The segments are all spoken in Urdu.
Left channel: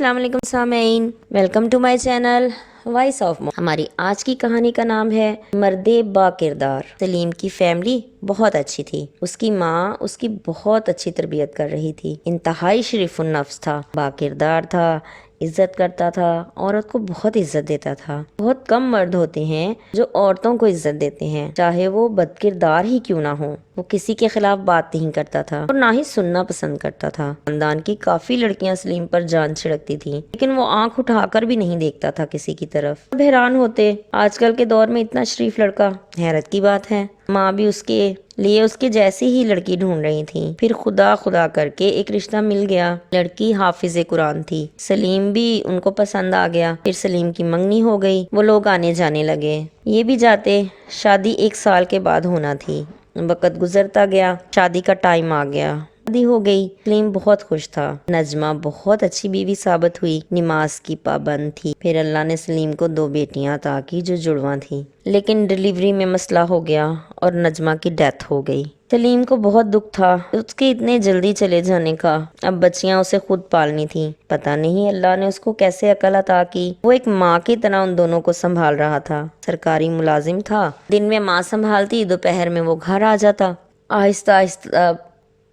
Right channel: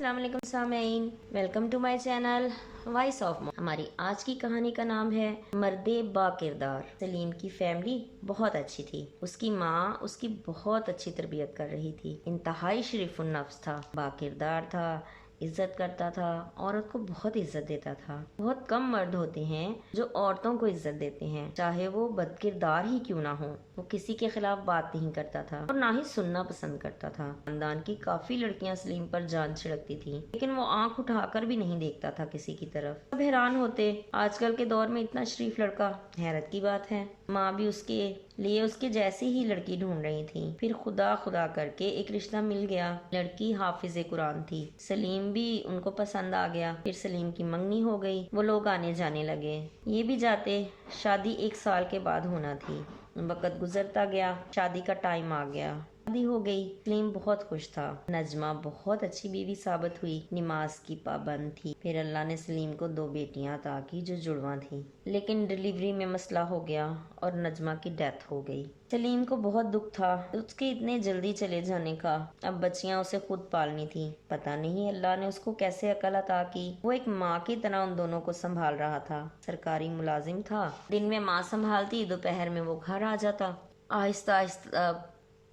السلام علیکم سامعین، welcome to my channel voice of Mo. ہماری آج کی کہانی کا نام ہے مرد با کردار۔ سلیم کی فیملی بہت اچھی تھی۔ اس کی ماں اس کی بہت اچھی تربیت کر رہی تھی۔ انتہائی شریف النفس تھا، با کردار تھا، عزت کرتا تھا، عورت کو بہت عزت دیتا تھا۔ بہت کم مرد ہوتے ہیں جو عورتوں کو عزت دیتے ہیں، چاہے وہ بد کردار ہی کیوں نہ ہو۔ وہ کسی کے خلاف بات نہیں کرتا تھا اور نہ ہی سننا پسند کرتا تھا۔ خاندان کی کافی لڑکیاں سلیم پر جان چھڑکتی تھیں، لیکن وہ آنکھ اٹھا کر بھی نہیں دیکھتا تھا کسی کی طرف۔ سب حیران ہوتے، آج کل کے دور میں اتنا شریف لڑکا، حیرت کی بات ہے۔ ماں بھی اس کے لیے اس کے جیسی ہی لڑکی ڈھونڈ رہی تھی۔ پھر خدا خدا کر کے ایک رشتہ مل گیا۔ لڑکی حافظ قرآن تھی۔ سلیم بھی ان کو پسند آ گیا۔ پھر سلیم کی منگنی ہو گئی، وہ لوگ آنے جانے لگے، یہ بھی جاتے۔ شادی 1 سال کے بعد ہونا تھی۔ وقت گزرتا گیا، شادی کا ٹائم آ گیا، شادی ہو گئی۔ سلیم بہت خوش تھا۔ نجمہ بہت اچھی بیوی ثابت ہوئی، نماز کی پابند تھی۔ پھر اللہ نے سلیم کو 2 بیٹیاں عطا کی جو جڑواں تھیں، لیکن ڈیلیوری میں مسئلہ ہو گیا اور نجمہ کی ڈیتھ ہو گئی۔ سلیم کو بہت دکھ تھا اس کے اتنے جلدی چلے جانے کا۔ اب بچیاں اسے خود پالنی تھیں۔ پتہ نہیں اللہ نے اس کو کیسے عقل عطا کی۔ وہ ایک ماں کی طرح ان دونوں کو سنبھال رہا تھا۔ سرکاری ملازم تھا، دن میں ماں سنبھالتی، دوپہر میں وہ گھر آ جاتا۔ آہستہ آہستہ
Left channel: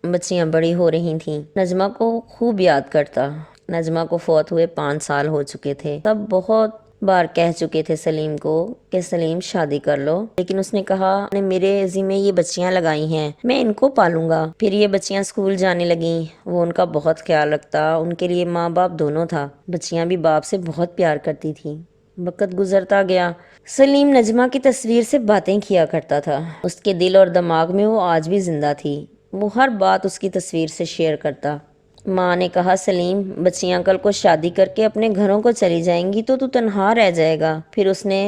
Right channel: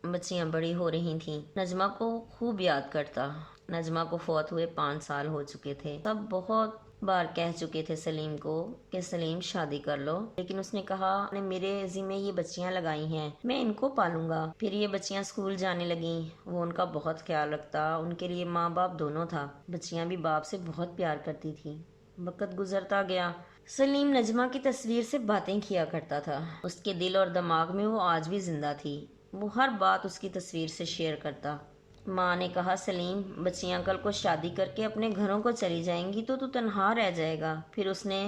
بچیاں بڑی ہو رہی تھیں۔ نجمہ کو خوب یاد کرتا۔ نجمہ کو فوت ہوئے 5 سال ہو چکے تھے۔ سب بہت بار کہہ چکے تھے سلیم کو کہ سلیم شادی کر لو، لیکن اس نے کہا نے میرے ذمہ یہ بچیاں لگائی ہیں، میں ان کو پالوں گا۔ پھر یہ بچیاں اسکول جانے لگیں، وہ ان کا بہت خیال رکھتا، ان کے لیے ماں باپ دونوں تھا۔ بچیاں بھی باپ سے بہت پیار کرتی تھیں۔ وقت گزرتا گیا۔ سلیم نجمہ کی تصویر سے باتیں کیا کرتا تھا۔ اس کے دل اور دماغ میں وہ آج بھی زندہ تھی۔ وہ ہر بات اس کی تصویر سے شیئر کرتا۔ ماں نے کہا سلیم، بچیاں کل کو شادی کر کے اپنے گھروں کو چلی جائیں گی تو تنہا رہ جائے گا۔ پھر اس نے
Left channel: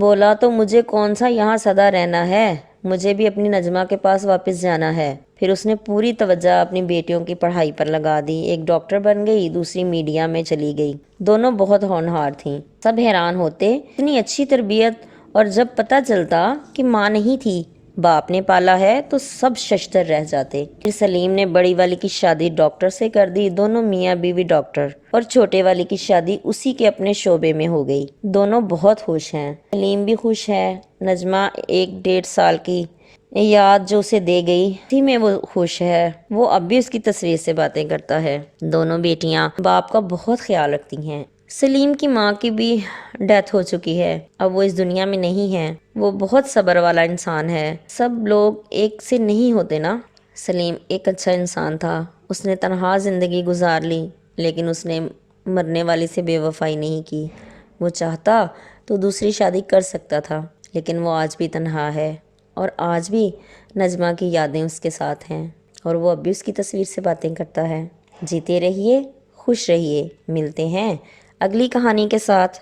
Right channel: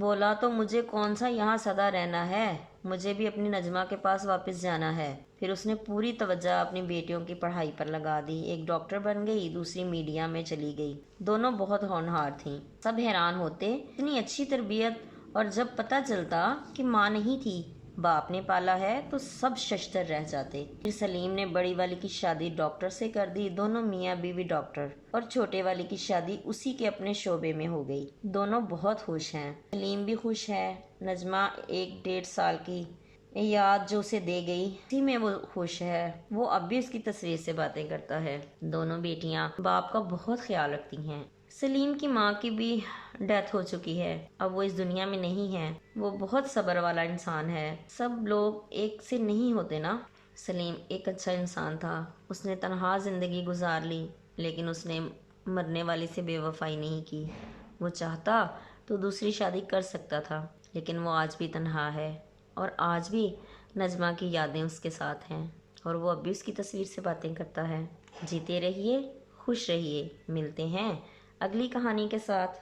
بولا تو مجھے کون سا یہاں سدا رہنا ہے، مجھے بھی اپنی نجمہ کے پاس واپس جانا ہے۔ پھر اس نے پوری توجہ اپنی بیٹیوں کی پڑھائی پر لگا دی۔ ایک ڈاکٹر بن گئی، دوسری میڈیا میں چلی گئی۔ دونوں بہت ہونہار تھیں۔ سب حیران ہوتے، اتنی اچھی تربیت، اور جب پتہ چلتا کہ ماں نہیں تھی، باپ نے پالا ہے، تو سب ششدر رہ جاتے۔ پھر سلیم نے بڑی والی کی شادی ڈاکٹر سے کر دی، دونوں میاں بیوی ڈاکٹر، اور چھوٹے والی کی شادی اسی کے اپنے شعبے میں ہو گئی۔ دونوں بہت خوش ہیں، سلیم بھی خوش ہے۔ نجمہ 1-1.5 سال کی یاد جو اسے دے گئی، اسی میں وہ خوش ہے۔ وہ اب بھی اس کی تصویر سے باتیں کرتا ہے۔ دونوں بیٹیاں باپ کا بہت خیال رکھتی ہیں۔ سلیم کی ماں کی بھی ڈیتھ ہو چکی ہے، اب وہ اس دنیا میں نہیں ہے۔ وہ بہت صبر والا انسان ہے۔ سب لوگ ایک سے نہیں ہوتے نا۔ سلیم ایک اچھا انسان تھا۔ اس نے تنہا زندگی گزار لی، لیکن اس نے مرنے والی سے بے وفائی نہیں کی۔ وہ چاہتا تو دوسری شادی کر سکتا تھا، لیکن وہ آج بھی تنہا ہے، اور آج بھی نجمہ کی یادیں اس کے ساتھ ہیں، اور وہ اب بھی اس کی تصویر سے باتیں کرتا ہے۔ جیتے رہیے، خوش رہیے۔ ملتے ہیں اگلی کہانی کے ساتھ۔